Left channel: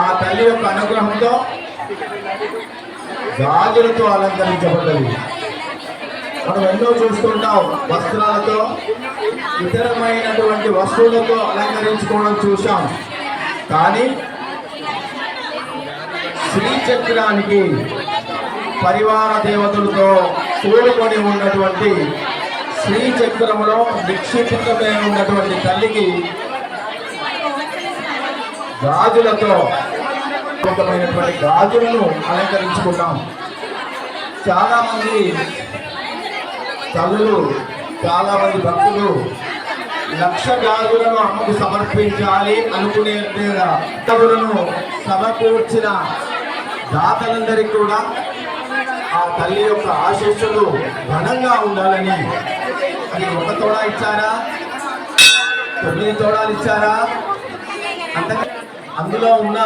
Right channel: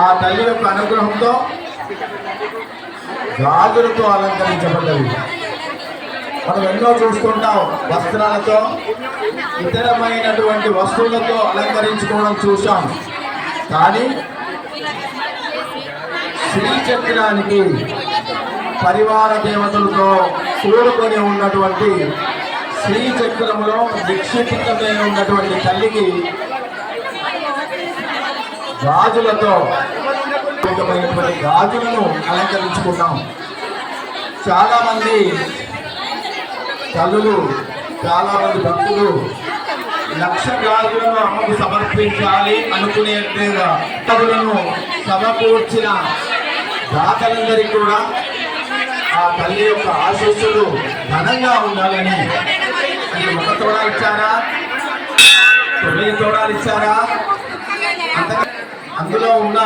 ఆ తల్లి యొక్క అనుగ్రహంతో గాజులతో అలంకరించబడ్డది. మనం ఎన్నో చూస్తుంటాం, వస్త్రాలతో ఇతరమైనటువంటి వస్తువులతో అలంకరించుకోవడం చూసాం. కానీ శ్రీచక్రానికి పరివార దేవతలతో కూడుకొని ఉన్నటువంటి శ్రీచక్రములో నిక్షిప్తమై ఉన్నటువంటి తల్లికి గాజులతో గాజులను అలంకరించుకున్నాం. చాలా మంది తల్లులు, చాలా మంది భక్తులు 1,00,000 గాజులను అమ్మకు సమర్పించాలి అనుకునే గాజులను సమకూర్చిన దాతలందరికీ కూడా ఆ తల్లి యొక్క ఆశీస్సులు ఘనంగా ఉండాలని. అది 1 తోడా ఇచ్చారా, 9 తోడాలు ఇచ్చారా, అందులో ఉన్న